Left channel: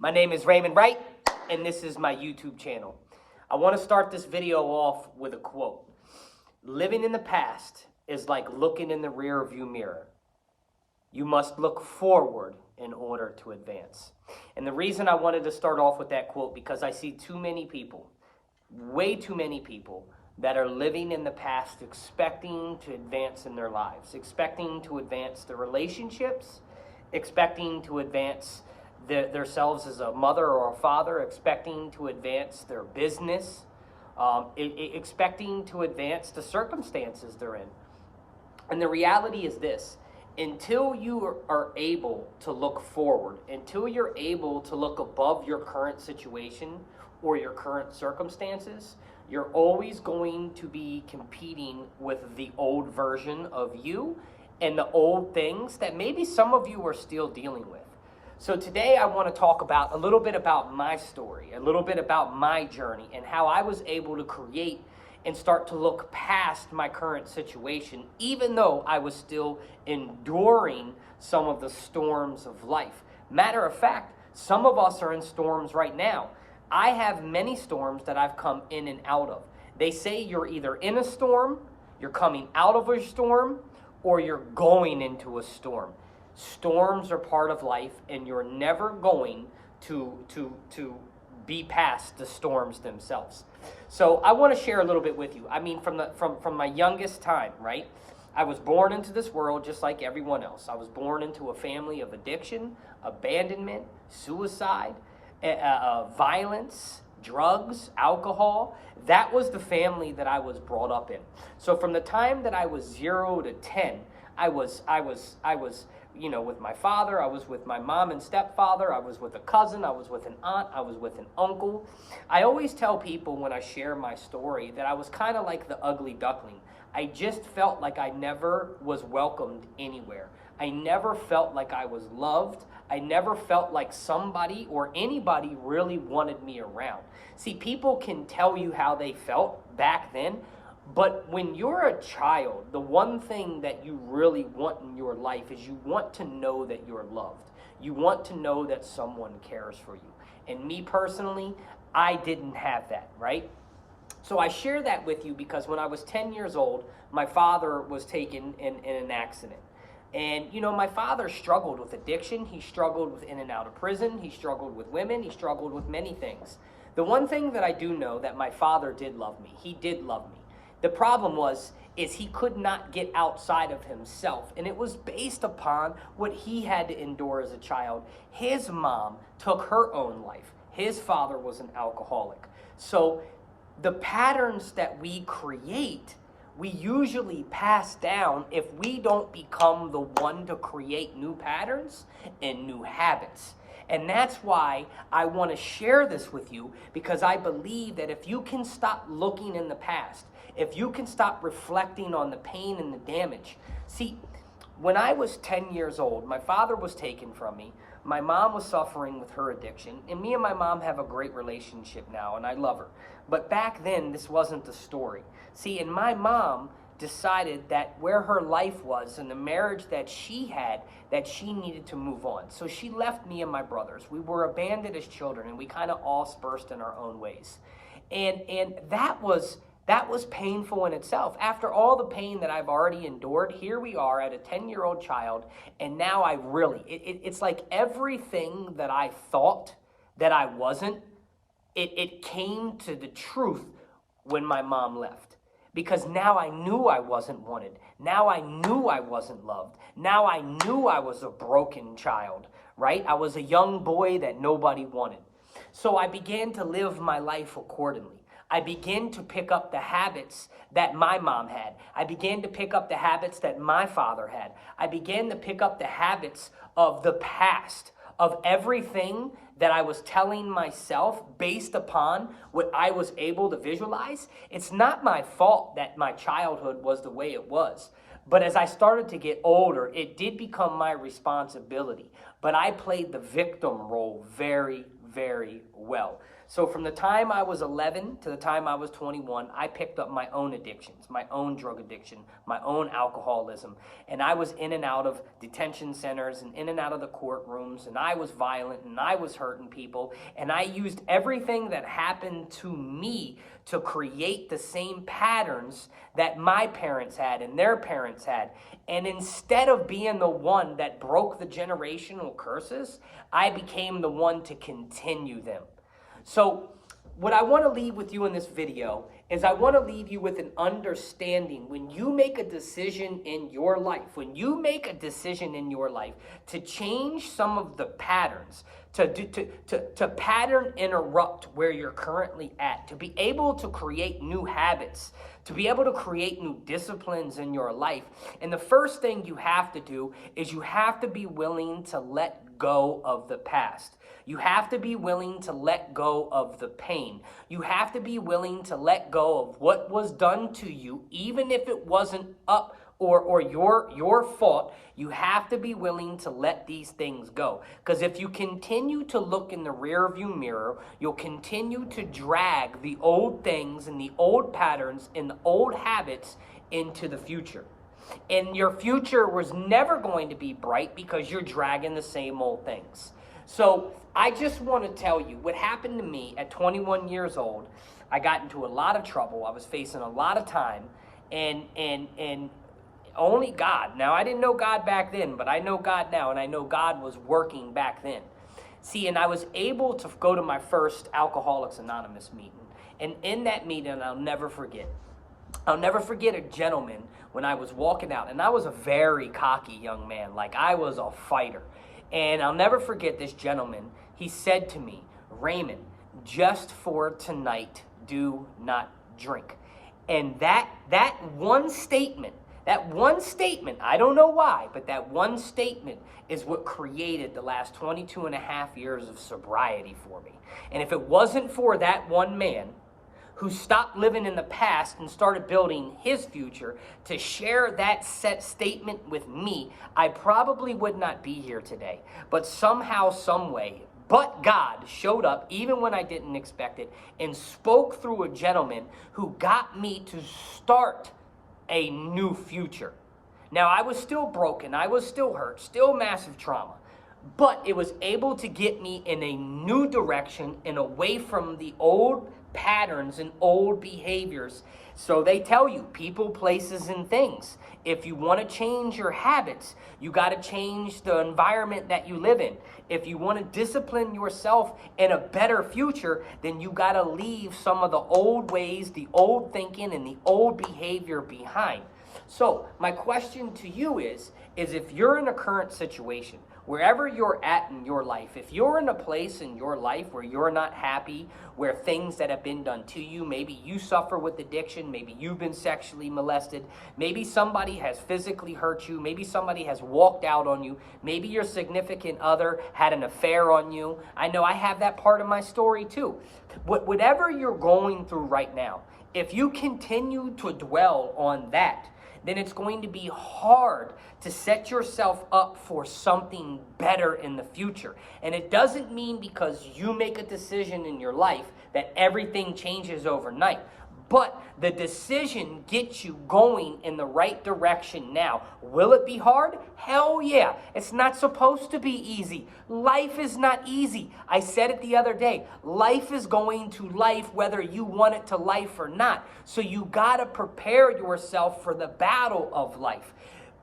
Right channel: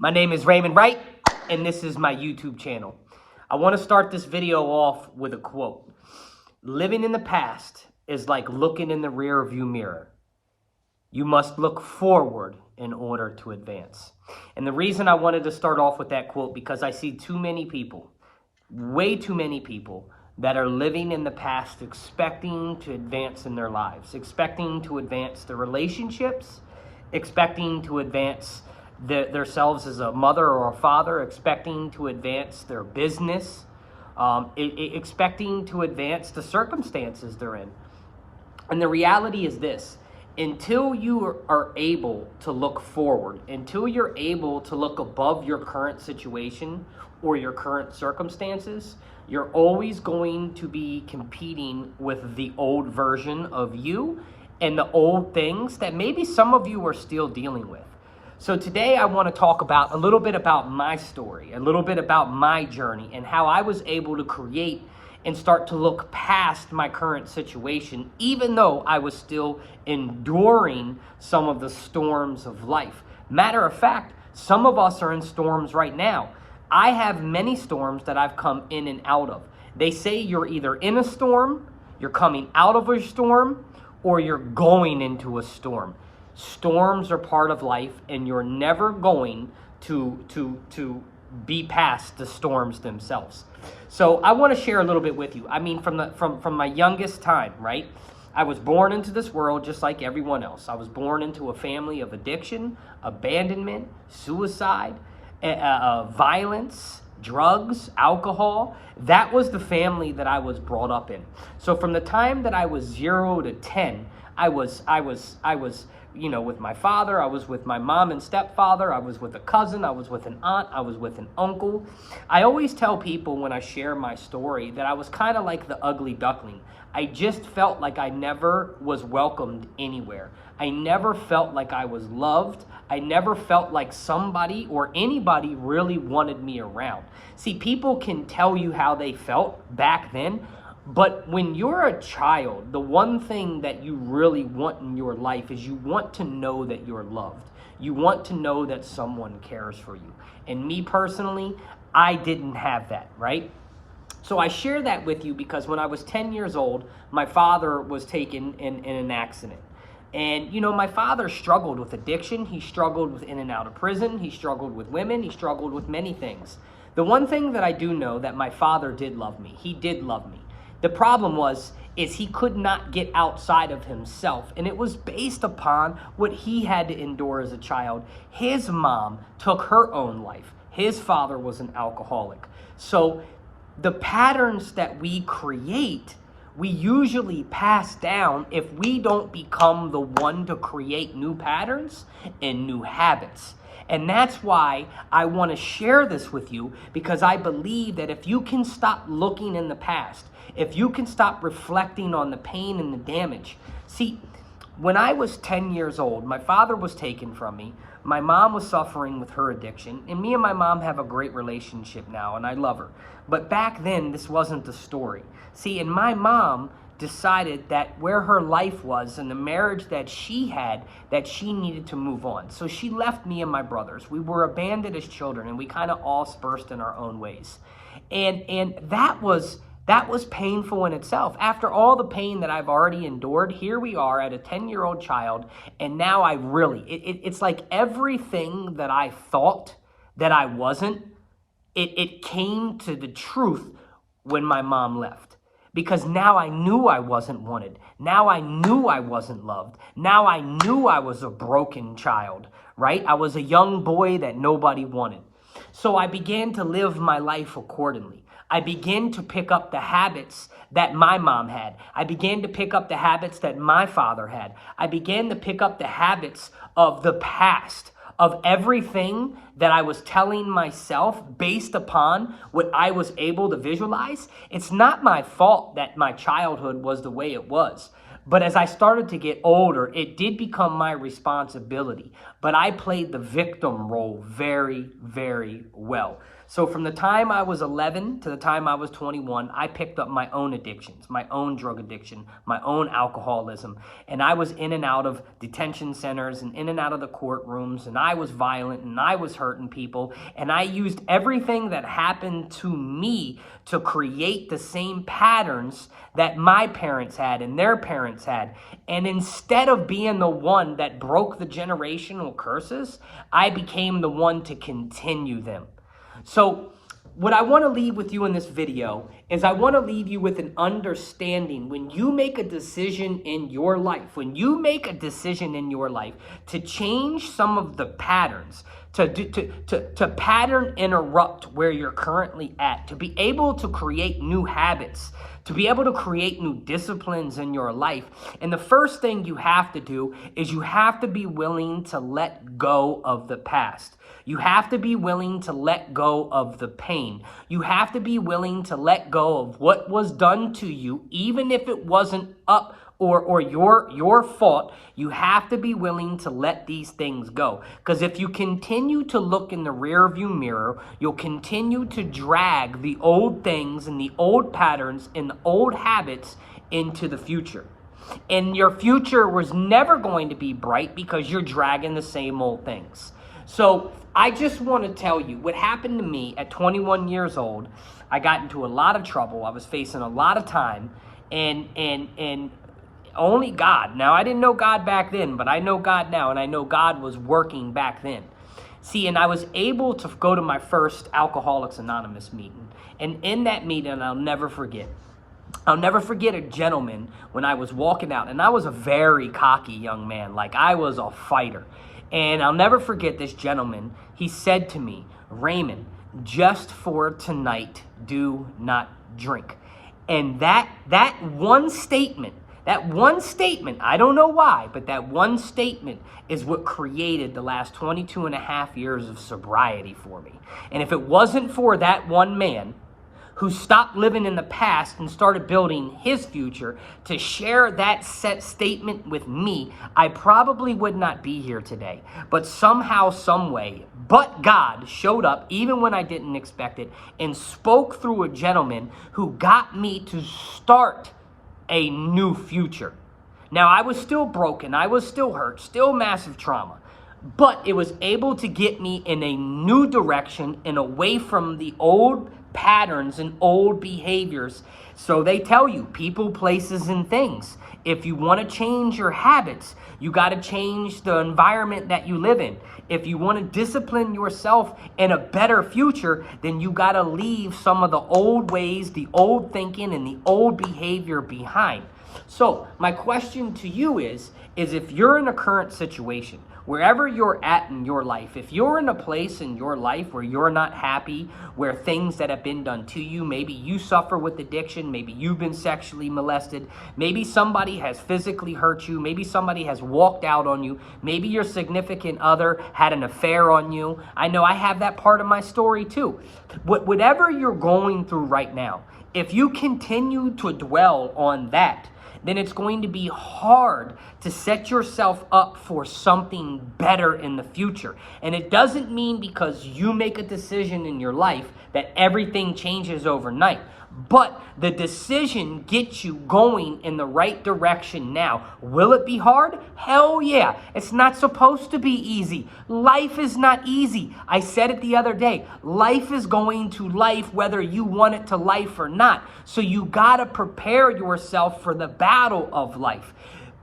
My name is Raymond Wright, and this is my YouTube channel. I want to start this video off with a quote. Living in the past is like looking in the rear view mirror. You must look forward in order to advance. And the reason I wanted to start off with that quote, because I see too many people, way too many people, that are living in the past expecting to advance in their lives, expecting to advance their relationships, expecting to advance themselves as a mother or a father, expecting to advance their business, expecting to advance the circumstances they're in. And the reality is this: until you are able to look forward, until you're able to look above your current situation or your current circumstances, you're always going to be competing with the old version of you and the old things that maybe some of you are still dealing with. So today I want to talk about a little bit about my story, a little bit about my journey, and how I was able to create and start to look past my current situation, even though I was still enduring some of the storms of life. Matter of fact, some of us are in storms right now. I have many storms that I've come in and out of. They say you're either in a storm, you're coming out of a storm, or you're going into a storm. Storms are part of life, and you're never going to be past the storms themselves. So I want to share a little bit with you. I mean, from my youngest time, right? I was born into this world just like everyone else. I was born into a family of addiction, abandonment, suicide, violence, drugs, alcohol. That was the family that I was brought up in. So from the time that I was 0 to 10, I was with my father, I was with my mom and stepfather, I was with a cousin, I was with an aunt, I was with an uncle. I always tell people when I share my story that I was kind of like the ugly duckling. I just felt like I never was welcomed anywhere. I never felt like I was loved. I never felt like somebody or anybody really wanted me around. See, people can tell you how they felt back then, but when you're a child, the one thing that you really want in your life is you want to know that you're loved. You want to know that someone cares for you. And me personally, I didn't have that, right? So I share that with you because when I was 10 years old, my father was taken in an accident. And, my father struggled with addiction. He struggled with in and out of prison. He struggled with women. He struggled with many things. The one thing that I do know that my father did love me. He did love me. The problem is he could not get outside of himself, and it was based upon what he had to endure as a child. His mom took her own life. His father was an alcoholic. So the patterns that we create, we usually pass down if we don't become the one to create new patterns and new habits. And that's why I want to share this with you, because I believe that if you can stop looking in the past, if you can stop reflecting on the pain and the damage. See, when I was 10 years old, my father was taken from me. My mom was suffering with her addiction, and me and my mom have a great relationship now, and I love her. But back then, this wasn't the story. See, and my mom decided that where her life was and the marriage that she had, that she needed to move on. So she left me and my brothers. We were abandoned as children, and we kind of all dispersed in our own ways. And that was painful in itself. After all the pain that I've already endured, here we are at a 10-year-old child, and now I really, it's like everything that I thought that I wasn't, it came to the truth when my mom left. Because now I knew I wasn't wanted. Now I knew I wasn't loved. Now I knew I was a broken child, right? I was a young boy that nobody wanted. So I began to live my life accordingly. I began to pick up the habits that my mom had. I began to pick up the habits that my father had. I began to pick up the habits of the past, of everything that I was telling myself based upon what I was able to visualize. It's not my fault that my childhood was the way it was. But as I started to get older, it did become my responsibility. but I played the victim role very, very well. So from the time I was 11 to the time I was 21, I picked up my own addictions, my own drug addiction, my own alcoholism. And I was in and out of detention centers and in and out of the courtrooms. And I was violent and I was hurting people. And I used everything that happened to me to create the same patterns that my parents had and their parents had. And instead of being the one that broke the generational curses, I became the one to continue them. So what I want to leave with you in this video is I want to leave you with an understanding when you make a decision in your life, to change some of the patterns, to pattern interrupt where you're currently at, to be able to create new habits, to be able to create new disciplines in your life. And the first thing you have to do is you have to be willing to let go of the past. You have to be willing to let go of the pain. You have to be willing to let go of what was done to you, even if it wasn't up or your fault. You have to be willing to let these things go. Because if you continue to look in the rearview mirror, you'll continue to drag the old things and the old patterns and the old habits into the future. And your future was never going to be bright because you're dragging the same old things. So I just want to tell you what happened to me at 21 years old. I got into a lot of trouble. I was facing a lot of time, and only God. Now, I didn't know God back then, but I know God now, and I know God was working back then. See, and I was able to go to my first Alcoholics Anonymous meeting. And in that meeting, I'll never forget a gentleman when I was walking out, and I was a very cocky young man, like I was a fighter. And I'll never forget this gentleman. He said to me, "Raymond, just for tonight, do not drink." And that one statement, I don't know why, but that one statement is what created the last 22 and a half years of sobriety for me. And if it wasn't for that one man who stopped living in the past and started building his future to share that set statement with me, I probably would not be here today. But somehow, some way, but God showed up even when I didn't expect it and spoke through a gentleman who got me to start a new future. Now, I was still broken, I was still hurt, still massive trauma, but it was able to get me in a new direction and away from the old patterns and old behaviors. So they tell you, people, places, and things. If you want to change your habits, you got to change the environment that you live in. If you want to discipline yourself in a better future, then you got to leave some of the old ways, the old thinking, and the old behavior behind. So my question to you is if you're in a current situation, wherever you're at in your life, if you're in a place in your life where you're not happy, where things that have been done to you, maybe you suffer with addiction, maybe you've been sexually molested, maybe somebody has physically hurt you, maybe somebody has walked out on you, maybe your significant other had an affair on you. I know I have that part of my story too. Whatever you're going through right now, if you continue to dwell on that, then it's going to be hard to set yourself up for something better in the future. And it doesn't mean because you make a decision in your life that everything changes overnight. But the decision gets you going in the right direction now. Will it be hard? Hell yeah. It's not supposed to be easy. Life is not easy. I said it the other day. Life is going to life whether you want it to life or not. So you got to prepare yourself for the battle of life.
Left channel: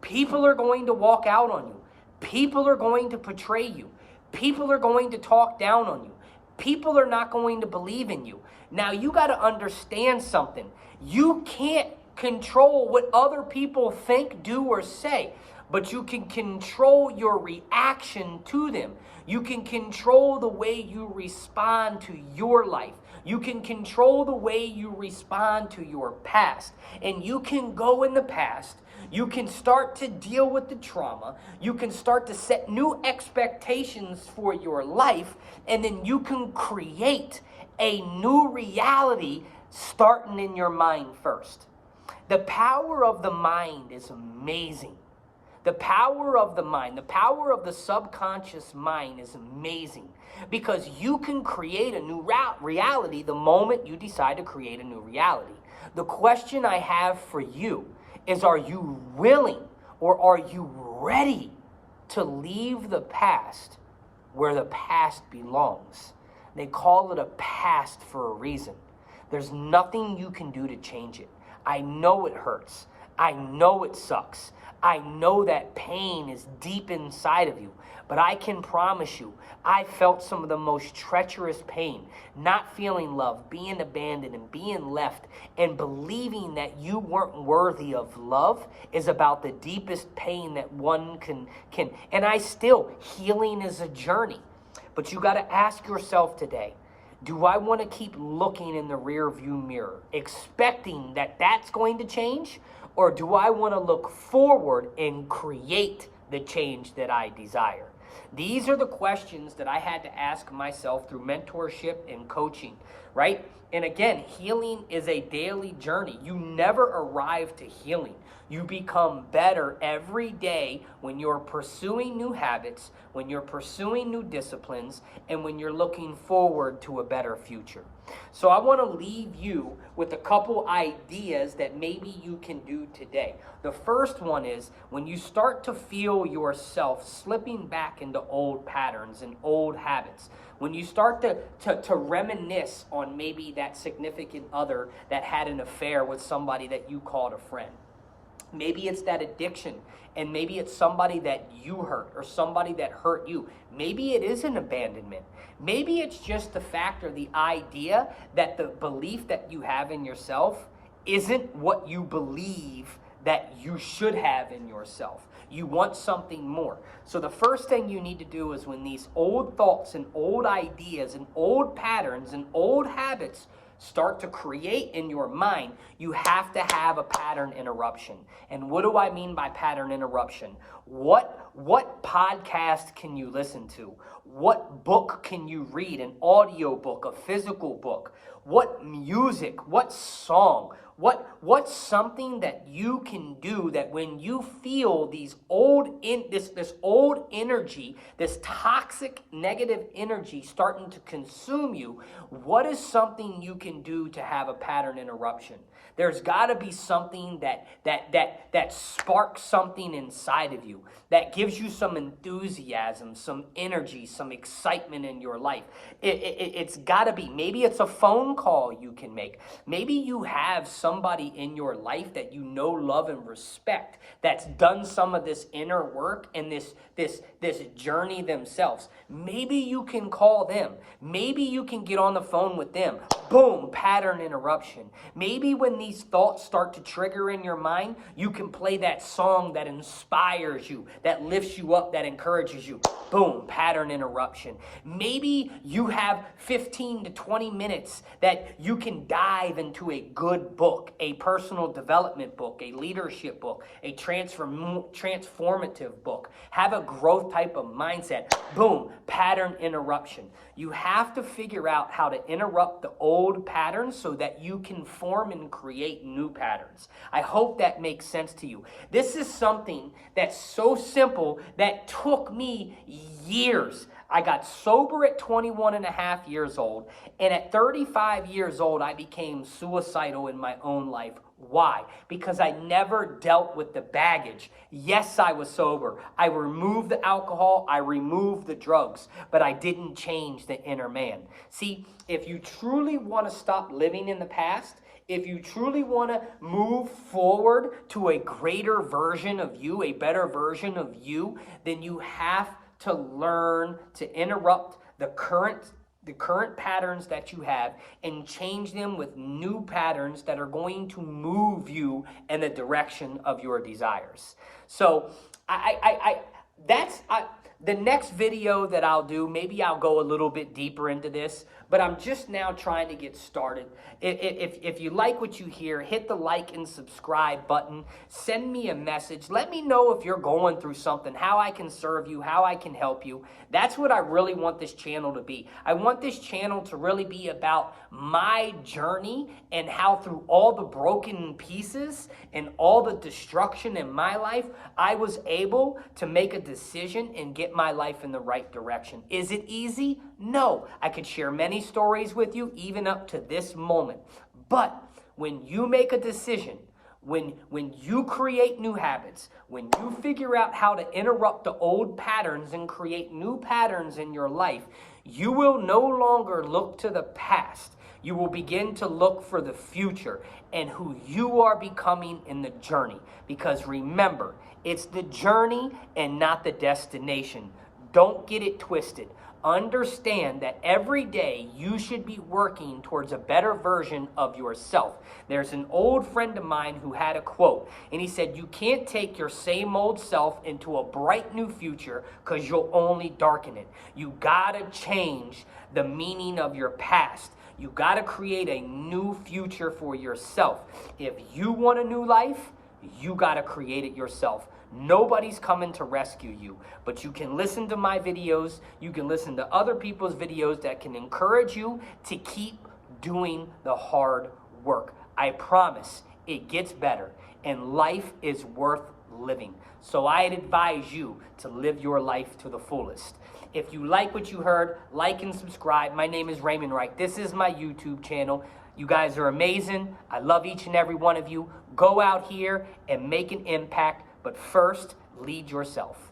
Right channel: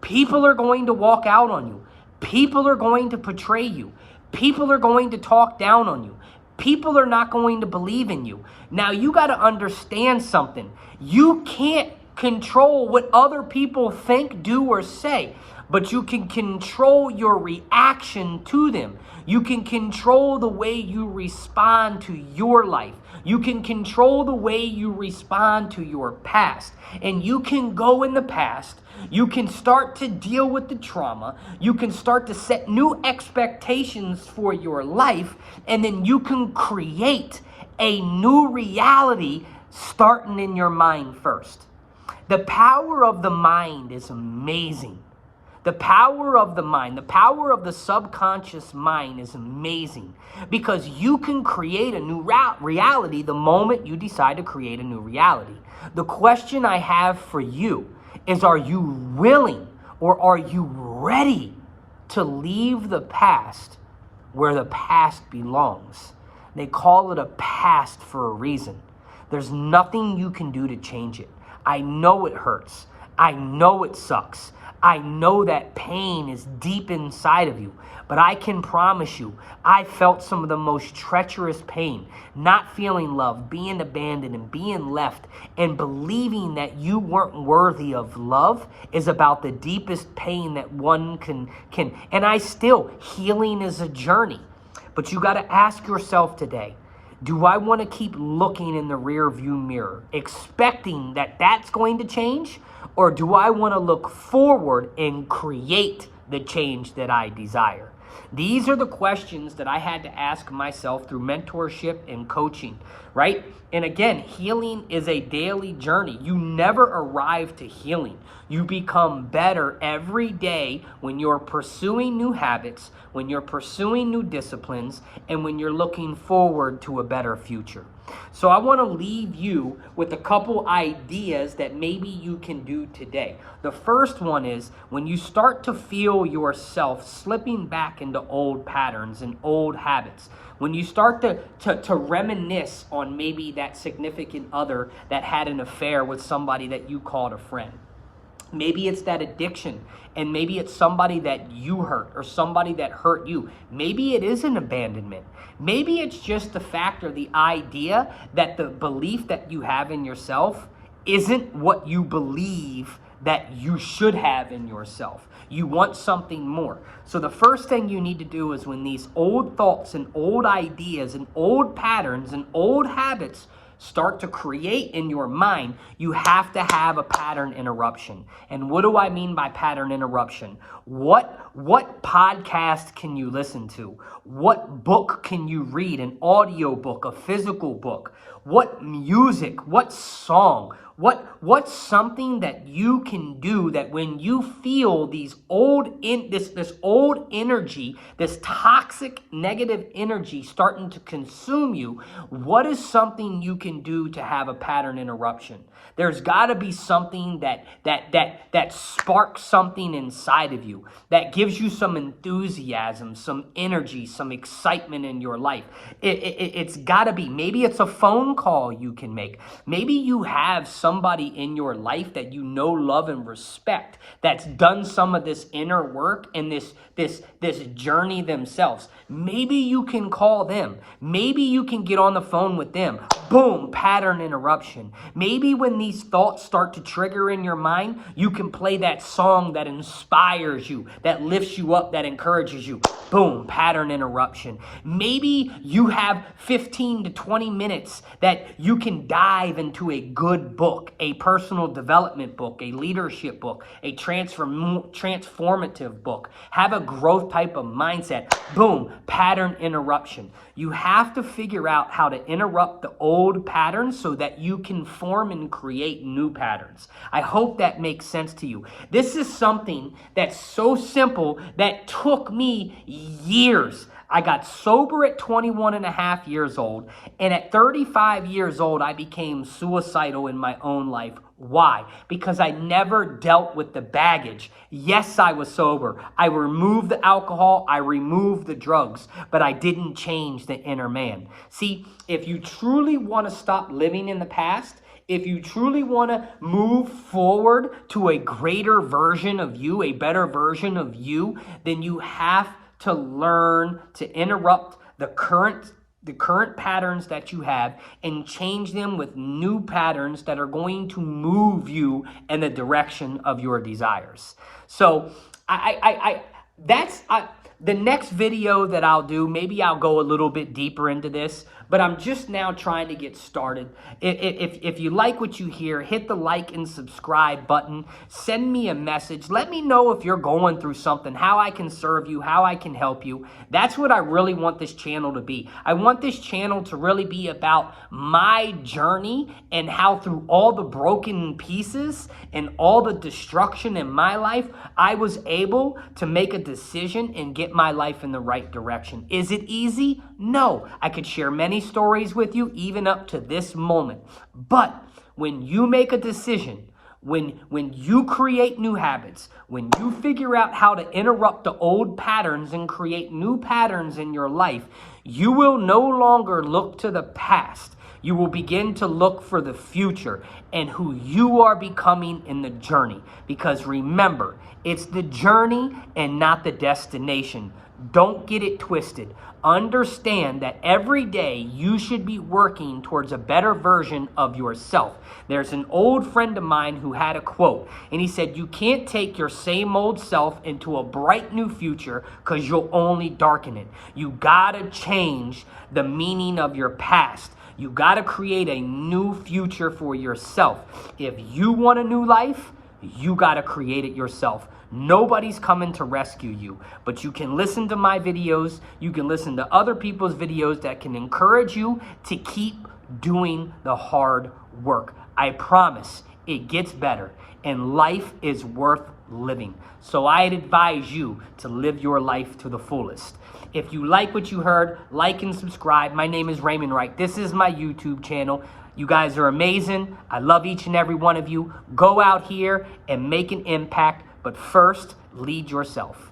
People are going to walk out on you. People are going to betray you. People are going to talk down on you. People are not going to believe in you. Now, you got to understand something. You can't control what other people think, do, or say, but you can control your reaction to them. You can control the way you respond to your life. You can control the way you respond to your past. And you can go in the past. You can start to deal with the trauma. You can start to set new expectations for your life. And then you can create a new reality starting in your mind first. The power of the mind is amazing. The power of the mind, the power of the subconscious mind is amazing because you can create a new reality the moment you decide to create a new reality. The question I have for you is, are you willing or are you ready to leave the past where the past belongs? They call it a past for a reason. There's nothing you can do to change it. I know it hurts. I know it sucks. I know that pain is deep inside of you, but I can promise you, I felt some of the most treacherous pain, not feeling love, being abandoned and being left, and believing that you weren't worthy of love is about the deepest pain that one can. And healing is a journey, but you got to ask yourself today, do I want to keep looking in the rear view mirror, expecting that that's going to change? Or do I want to look forward and create the change that I desire? These are the questions that I had to ask myself through mentorship and coaching, right? And again, healing is a daily journey. You never arrive to healing. You become better every day when you're pursuing new habits, when you're pursuing new disciplines, and when you're looking forward to a better future. So I want to leave you with a couple ideas that maybe you can do today. The first one is when you start to feel yourself slipping back into old patterns and old habits, when you start to reminisce on maybe that significant other that had an affair with somebody that you called a friend. Maybe it's that addiction, and maybe it's somebody that you hurt or somebody that hurt you. Maybe it is an abandonment. Maybe it's just the fact or the idea that the belief that you have in yourself isn't what you believe that you should have in yourself. You want something more. So the first thing you need to do is when these old thoughts and old ideas and old patterns and old habits start to create in your mind, you have to have a pattern interruption. And what do I mean by pattern interruption? What podcast can you listen to? What book can you read? An audio book, a physical book? What music? What song? What's something that you can do that when you feel these this old energy, this toxic negative energy starting to consume you, what is something you can do to have a pattern interruption? There's got to be something that sparks something inside of you, that gives you some enthusiasm, some energy, some excitement in your life. It's got to be. Maybe it's a phone call you can make. Maybe you have somebody in your life that you know, love, and respect that's done some of this inner work and this journey themselves. Maybe you can call them. Maybe you can get on the phone with them. Boom, pattern interruption. Maybe when these thoughts start to trigger in your mind, you can play that song that inspires you, that lifts you up, that encourages you. Boom, pattern interruption. Maybe you have 15 to 20 minutes that you can dive into a good book, a personal development book, a leadership book, a transformative book. Have a growth type of mindset. Boom, pattern interruption. You have to figure out how to interrupt the old patterns so that you can form and create new patterns. I hope that makes sense to you. This is something that's so simple that took me years. I got sober at 21 and a half years old, and at 35 years old, I became suicidal in my own life. Why? Because I never dealt with the baggage. Yes, I was sober. I removed the alcohol. I removed the drugs, but I didn't change the inner man. See, if you truly want to stop living in the past, if you truly want to move forward to a greater version of you, a better version of you, then you have to learn to interrupt the current patterns that you have and change them with new patterns that are going to move you in the direction of your desires. So the next video that I'll do, maybe I'll go a little bit deeper into this, but I'm just now trying to get started. If you like what you hear, hit the like and subscribe button. Send me a message. Let me know if you're going through something, how I can serve you, how I can help you. That's what I really want this channel to be. I want this channel to really be about my journey and how through all the broken pieces and all the destruction in my life, I was able to make a decision and get my life in the right direction. Is it easy? No. I could share many stories with you, even up to this moment. But when you make a decision, when you create new habits, when you figure out how to interrupt the old patterns and create new patterns in your life, you will no longer look to the past. You will begin to look for the future and who you are becoming in the journey. Because remember, it's the journey and not the destination. Don't get it twisted. Understand that every day you should be working towards a better version of yourself. There's an old friend of mine who had a quote, and he said, you can't take your same old self into a bright new future because you'll only darken it. You gotta change the meaning of your past. You gotta create a new future for yourself. If you want a new life, you gotta create it yourself. Nobody's coming to rescue you, but you can listen to my videos. You can listen to other people's videos that can encourage you to keep doing the hard work. I promise it gets better, and life is worth living. So I'd advise you to live your life to the fullest. If you like what you heard, like and subscribe. My name is Raymond Wright. This is my YouTube channel. You guys are amazing. I love each and every one of you. Go out here and make an impact. But first, lead yourself.